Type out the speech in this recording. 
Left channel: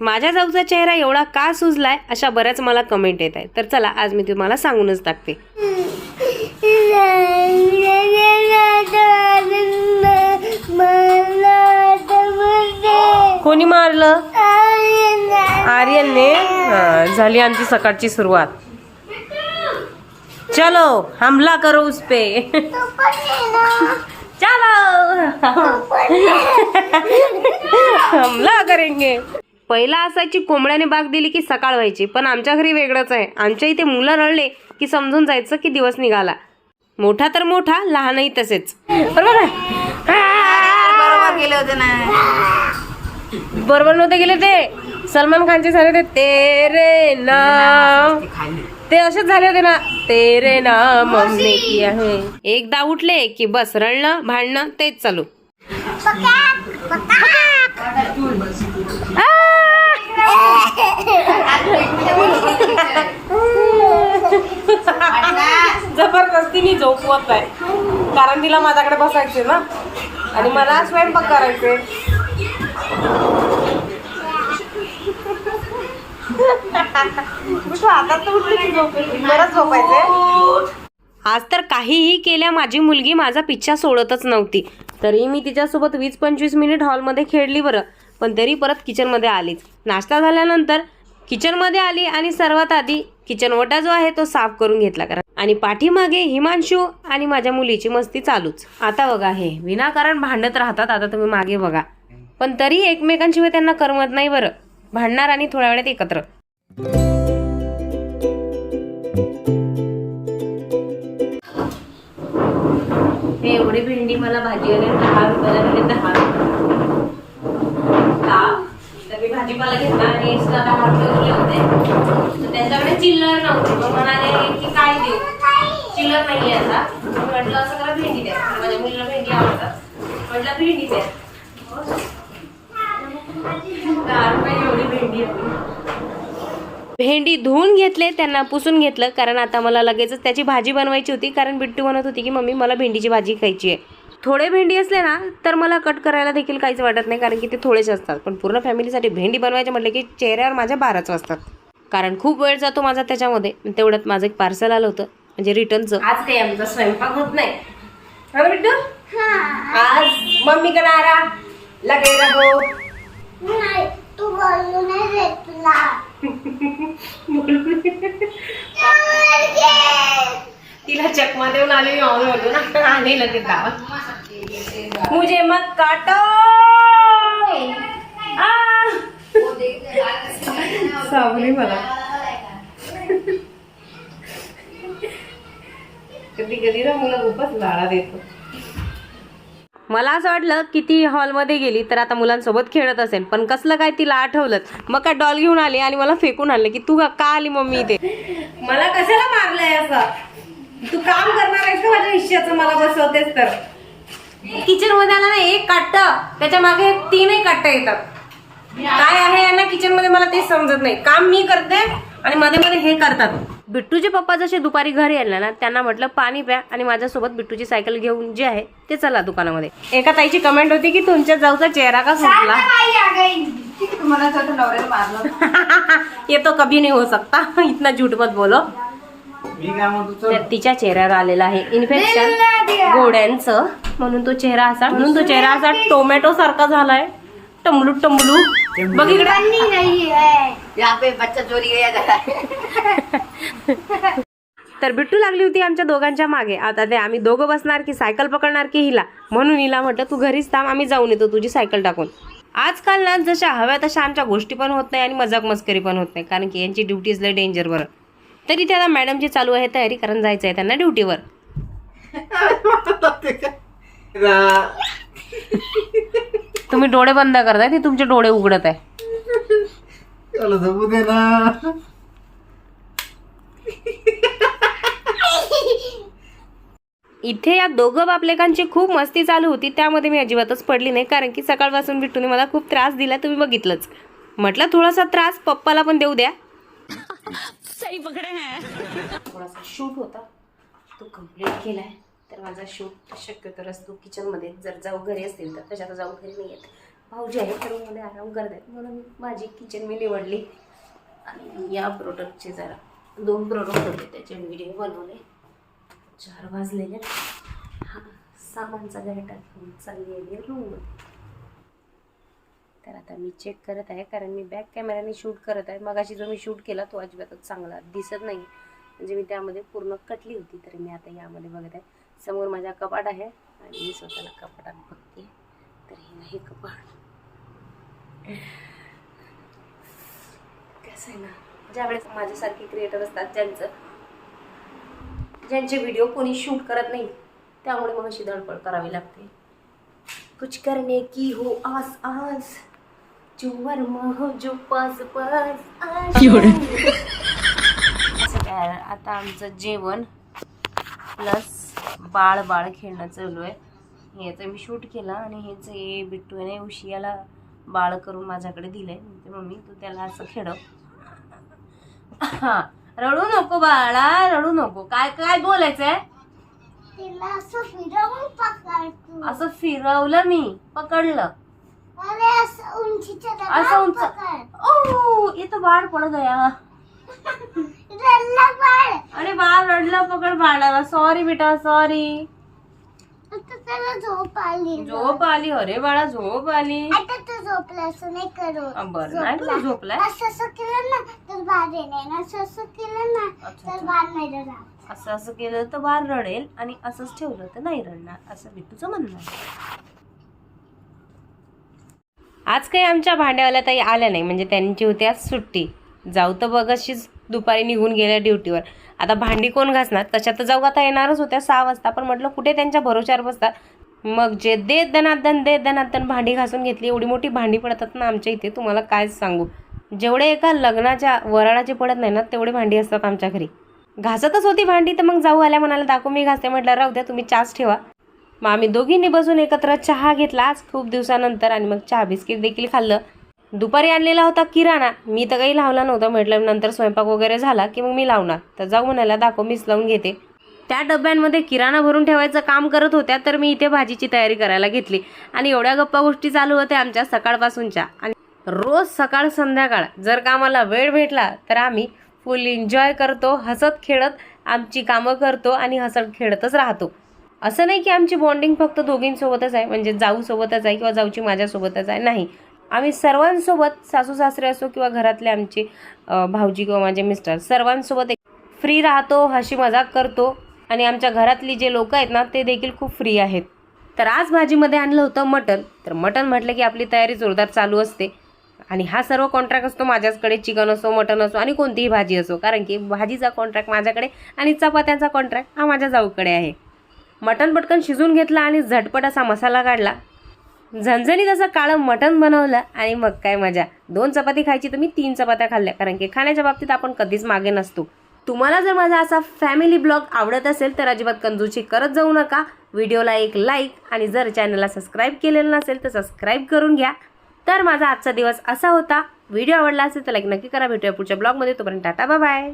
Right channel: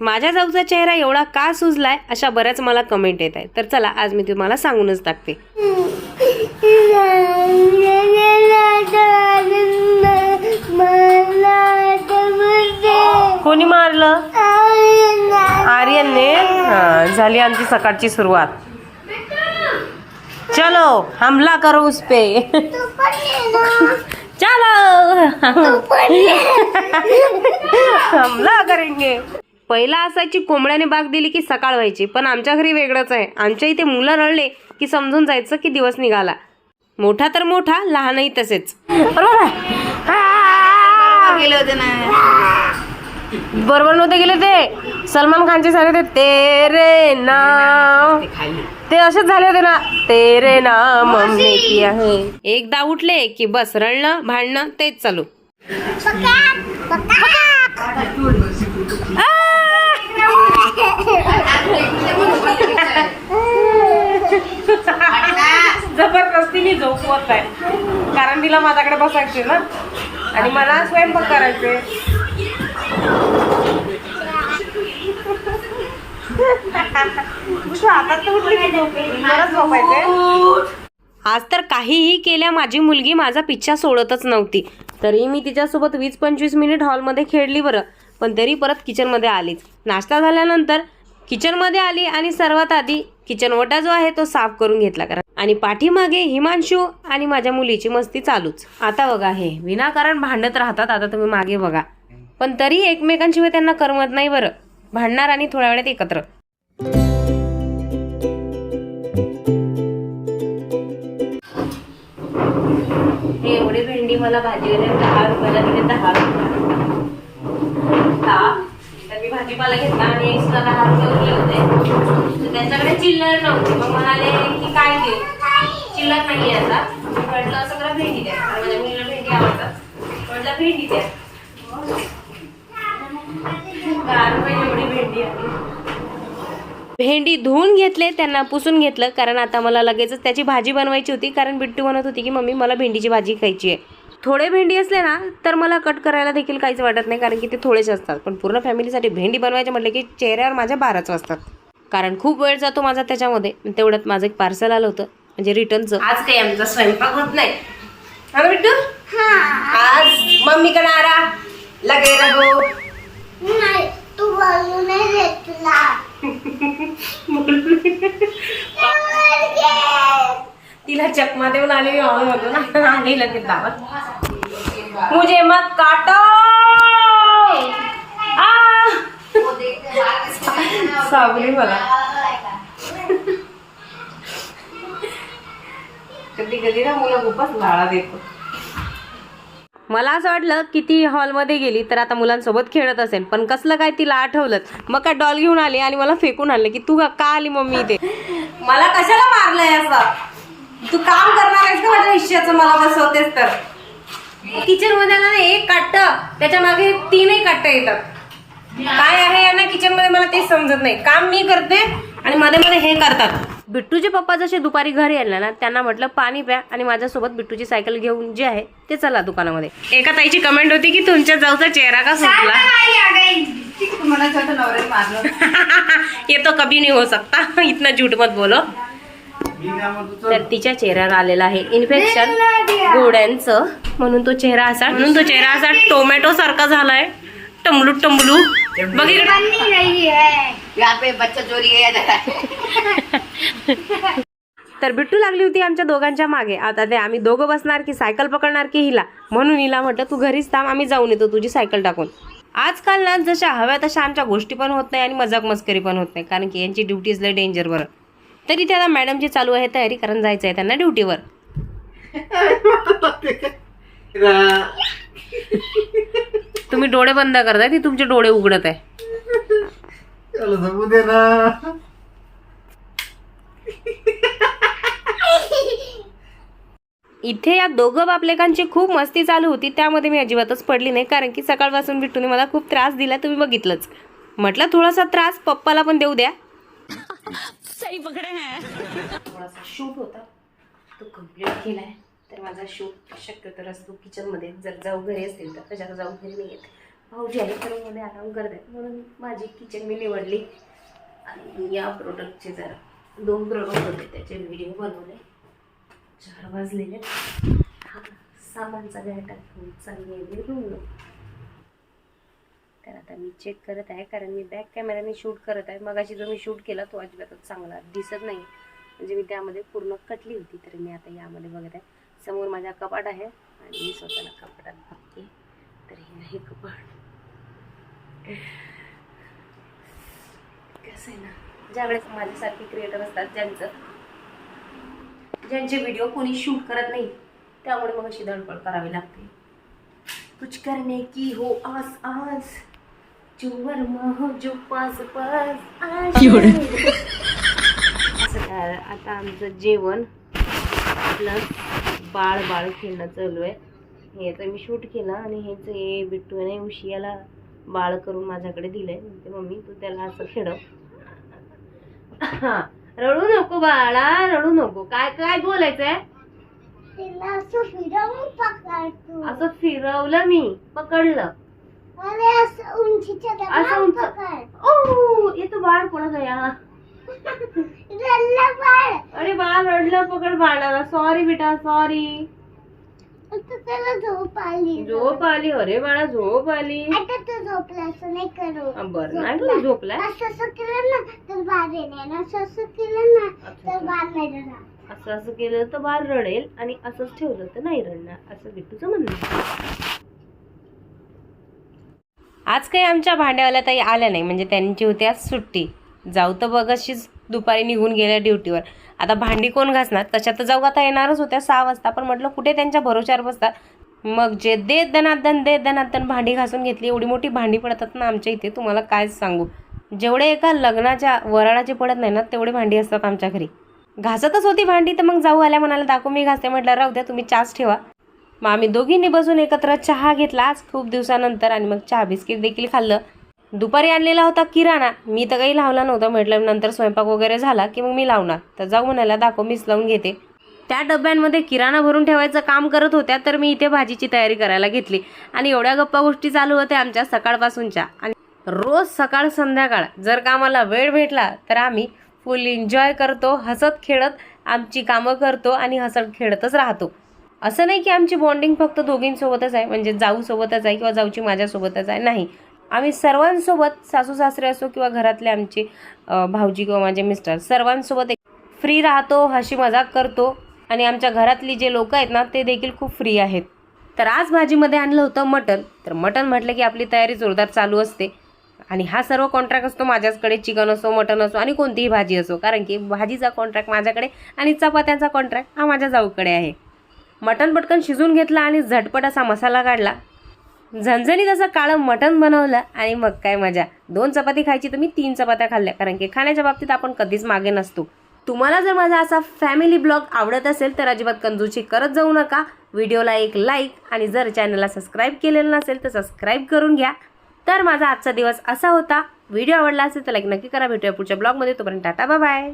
माझ्या जाऊचा चेहरा एवढा का सुजलाय अशा बऱ्याच मला कमेंट येत आहेत. तर चला आज मी तुम्हाला सांगूनच टाकते. कोणी मारलं? आर्यनने. झाली आमची सकाळची सुरुवात. चलो हमला करो उस पे. चलो हमला करेंगे. पहिला असायची कोंबड्याने बाग दिली की सकाळ व्हायची, पण आमच्या घरी वेगळंच आहे. आमच्या इथे मुलं रडले की समजून जायचं की दिवस निघाला. मोठा तर मोठा, लहानही तसेच. बरोबर गेले होते ना. बरोबर नव्हते गेले ते. सलमान खानचे झाले ते तेरे नाम, ते असेच झाले होते ना. तेरे नाम हमने किया है. एकदा उठले की बस रडणं भांडणं तेच चालू. जबरदस्तीने झोपवत आहे, कारण तिला माझ्याकडे बसायचे ना आणि मला स्वयंपाक करायचे. आता तर उठली की बरंच झोपायचे. आज तर काहीही केल्या माझी मुलगी माझा पिच्छा सोडतच नव्हती. तरी मी तिच्यासोबत 20-25 मिनिट हॉलमध्ये खेळली बरं, पण तरी परत किचनमध्ये आलीच. नाश्ता झाल्यानंतर किचनमध्ये आली आणि सर्वात आधी किचन ओटा जो आहे तो साफ करून घेतला. आणि पाठीमागे हिमांशू आणि माझ्या मुलीची मस्ती चालूच. आता बघा हे विनाकारण भांडत राहतात. आता तुम्ही मागे बघा, पण तरी एकमेकांशिवाय त्यांना करमत नाही बरं. भांडणार आणि थोड्या वेळात एकत्र. एवढी भेंडी मला भाजीवाले 10 रुपयाला भेटले. 10 तर मी भाजीपाला घेतला आणि एक्स्ट्रा 10 रुपये उरले होते. तर त्यांच्याकडे चिल्लर नव्हती. मग म्हणाले की काय देऊ, चिल्लर नाही आता. म्हटलं असं करा भेंडी द्या, माझ्या मुलीला भेंडी आवडतात. म्हटलं भेंडी द्या. 10 रुपये एवढी भेंडी आहे. भेंडी धुवून घेतले, त्यांना पुसून घेतलं, कारण आता मला लगेचच त्याची भाजी बनवायची होती. कारण बिट्टू म्हणत होती की मम्मी मला भेंडीची भाजी खायची आहे. थोडे भेंडी असले ना तर मला कट करायला देखील काहीच वाटत नाही, कारण की ते थोडेच असतात. पण पूर्ण फॅमिलीसाठी भेंडी बनवायचे म्हटलं की चेहऱ्यावर माझ्या 12च वाजतात, कारण खूप वेळ जातो माझा त्याच्यामध्ये. तेवढ्यात माझं एक पार्सल आलं होतं, म्हणजे रिटर्नचं. आज काही आमचा स्वयंपाक होत नाही. हा बिट्टू, आज मम्मी का नारा लगे रहो. नाही तू बोलू नाही देत तुला. तिला चकमा देऊन आली ऑन बोलू ना. आली लगेच दावत. मुझे मत काटो. सावली मला. कधी कधी ना मुलं खूपच लाळा देतो. मला असं वाटलं की ती हॉलमध्ये गेली तर आता मुलांसोबत खेळत असेल, पण कसलं काय तिला आठवलं. मग काय डॉल घेऊन आली आणि मला फेकून आणलं की तू का आली मम्मी इथे. मला कशाला मारलंय असं. तू काम करणार आहेस का माझ्या हिश्श्याचं, मला बसवतेस तर. किचन मध्ये आला ना एक काट्ट, त्याच्या मागे 3ही काट्ट येतात. काय आहे यांना किचन मध्ये मला तेच समजत नाही. काम मी करते आणि मध्ये मध्ये हे करतात. बिट्टूचे पप्पा जसे दुपारी घरी आले ना, त्यांना म्हटलं पाणी प्या आणि माझ्यासोबत बिट्टूची सायकल घेऊन जे आहे ते चला दुकानामध्ये. एका ताईची कमेंट होती की तुमच्या जाऊचा चेहरा का सुटला. ये तो कभी नहीं हो सकता, इतना झूठ मत बोलो. तर तिच्या चेहऱ्यावर आलेला आहे इन्फेक्शन गोड्यांचं, म्हणून तो चेहरा असा टोमॅटो सारखा झालाय. टमलू टमलू बच्चा चोरी तर बिट्टू लागली होती आमच्या दोघांच्या मागे. आता ते आम्ही दोघं बसणार की सायकल पकडणार की हिला, म्हणून हिला म्हटलं तू घरीच थांब, आम्ही जाऊन येतो तुझी सायकल टाकून. आजकाल ना जशा हव्या तशा आमच्या गोष्टी पण होत नाही आणि मजाक मस्करी पण होत नाही, कारण की यांची ड्युटीज लय डेंजर बरं. तरी त्या मॅडमची चालू आहे तयारी, कारण जायचं आहे त्यांना ड्युटीवर. तुम्ही डोळे बंद करताय, ती तुमचे डोळे उघडत आहे. इथे या दोघं बापलेकांची खूप मस्ती चालू होती, त्यामध्ये मी अजिबातच पडली नाही, कारण की सकाळपासून बिट्टूने मला खूप त्रास दिला, तुम्ही बघितलंच. म्हटलं थोडासा त्रास पप्पाला पण देऊ द्या. सही पकडे हैं. थोडासा शूट होता तो कंप्लीट केलाय. तर माझा शूट शक्यतो असतो किचनमध्ये, जर जाऊ घरी असतील तर. तशात जाऊ घरी नाही येत, भाऊजी आहे तर रूममध्ये आराम करत आहेत म्हणून माझी किचन मी निवडली. आणि या प्रोडक्टचे जरा 2 प्रोडक्ट होते त्याचे व्हिडिओ बनवले. 4 वाजलेले. हा सामानचा गॅटा घेऊन चालली आहे रूममध्ये. तर आता मी चेक करत आहे कारण मी बॅक कॅमेराने शूट करत आहे. मगाशी जो मी शूट केला तो अजिबातच चांगला दिसत नाही, म्हणजे मी त्यामध्ये पूर्ण कटली होती. तर मी आता यामध्ये बघत आहे. समोर माझा कपाट आहे आणि मी स्वतःला कपाटात बघते. तर हे नाही कपाट. कसं आहे ना, ज्यावेळेस माझ्यासारखे क्रिएटर असतात ज्यांचे व्हिडिओ कोणी शूट करत नाही, त्यामुळे मग अशी धडपड करावी लागते. कुछ करने की हो आस आस, जो वर्मा हो जो पास पास. असं काय आता आमचं जेवण प्लस बाळ खेळणं चालू आहे. ह्याचं मी शूट केलं आणि हेच बिट्टूने उशियाला बाळ करून माझ्याकडे दिलंय. म्हणते मम्मी तू त्याला असं खेळव. हा रडू नको बाळा, रडू नको. काय काय बोलायचंय? असं फिरवलं मी, पकडलं असं उंच. ओ ये तो बाळ पड गया. अरे बाळ रडलं, पकड बाळाला. सॉरी बेटा सॉरी. झोप आली. अरे बाळा झोप आली. झोपला असं नाही करू. बरं नाही तू झोपलाय. असं केलं ना तर बाहेर येणार, असं केलं ना तर बाहेर नाही रडणार. असं केलं तर बाळ रडेल आणि असंच ठेवलं तर नाही रडणार, असं बिट्टूचं म्हणणं. आज काही आमच्या भांड्यावाल्या ताई आल्या नाही, म्हणजे त्यांची होती आज सुट्टी. जाऊ तर बघ अशीच दुपारी निघून गेल्या ड्युटीवर. आता भांडी कोण घासणार? तशा तर जाऊ आता येणारच होत्या 6 वाजता, पण म्हटलं कुठे त्यांच्या भरोश्यावर बसतात. मग जे दे दनादन भांडी घासून घेतली. एवढी मोठी भांडी पडतात ना आमच्या इथे, तुम्हाला काय सांगू. जेवढे एका लग्नाच्या वराळाची पडत नाही ना तेवढी भांडी असतात आमच्या घरी. घासतच होती भांडी, तर मग जाऊ आल्या म्हणाला दाखव मी घासते. म्हटलं राहू द्या तुम्ही चहाच ठेवा. मग आम्ही दोघींनी बसून एकत्र चहा घेतला आज खूप दिवसानंतर, आणि मग चहा बिस्किट देखील खाल्लं. दुपारी आणलेला होता किराणा, मी तर काही लावला नव्हता. म्हटलं नंतर स्वयंपाक वगैरे झाला की मग मी लावणार. तर जाऊ म्हणाला दाखव मीच लावून घेते. त्या डब्यांमध्ये किराणा भरून ठेवायचं काम करत होत्या, तर मी इथे भाजीची तयारी करायला घेतली. आणि एवढ्या गप्पा गोष्टी चालू होत्या आमच्या सकाळपासूनच्या. आणि रोज सकाळ संध्याकाळ जर का आम्हाला वेळ भेटला तर आम्ही फुल एन्जॉय करतो, हसत खेळत आमची कामं करतो आणि हसत खेळतच राहतो. असं नाही की आमची बॉन्डिंग फक्त दोघींसोबतच आहे, म्हणजे जाऊ सोबतच आहे किंवा जाऊची माझ्यासोबतच आहे, नाही. आम्ही सर्वांसोबत, सासू सासरे असो किंवा घरातले आमचे भाऊजी किंवा माझे मिस्टर, सर्वांसोबत फ्री राहतो, हशी मजाक करतो. आणि आमच्या घरातली जे लोक आहेत ना ते देखील खूप फ्री आहेत. तर आज भाजीमध्ये आणलं होतं मटण. तर मटण म्हटलं की आपली तयारी जोरदार चालू असते. आणि हा सर्व कॉन्ट्रॅक्ट असतो माझ्याकडे. चिकन असो, मटण असो आणि कोणतीही भाजी असो, कारण की भाजीचा कॉन्ट्रॅक्ट माझ्याकडे आणि चपात्यांचा कॉन्ट्रॅक्ट हा माझ्या जाऊकडे आहे. मटण पटकन शिजून घेतला आणि झटपट असा मसाला काढला. झणझणीत असं काळं मटण बनवलं आणि मग काय मजा. 2 चपाती खायची तर मी 3 चपात्या खाल्ल्या, कारण की खाण्याच्या बाबतीत आपण कधीच मागे नसतो. तुम्हाला जर माझा असा फॅमिली ब्लॉग आवडत असेल तर अजिबात कंजूसी करत जाऊ नका. व्हिडिओला एक लाईक आणि जर चॅनलला सबस्क्राईब केलेलं नसेल तर सबस्क्राईब करून घ्या. तर माझा आजचा दिवस असा होता. व्हिडिओ आवडला असेल तर लाईक नक्की करा. भेटूया पुढच्या ब्लॉगमध्ये. तोपर्यंत टाटा बाय बाय.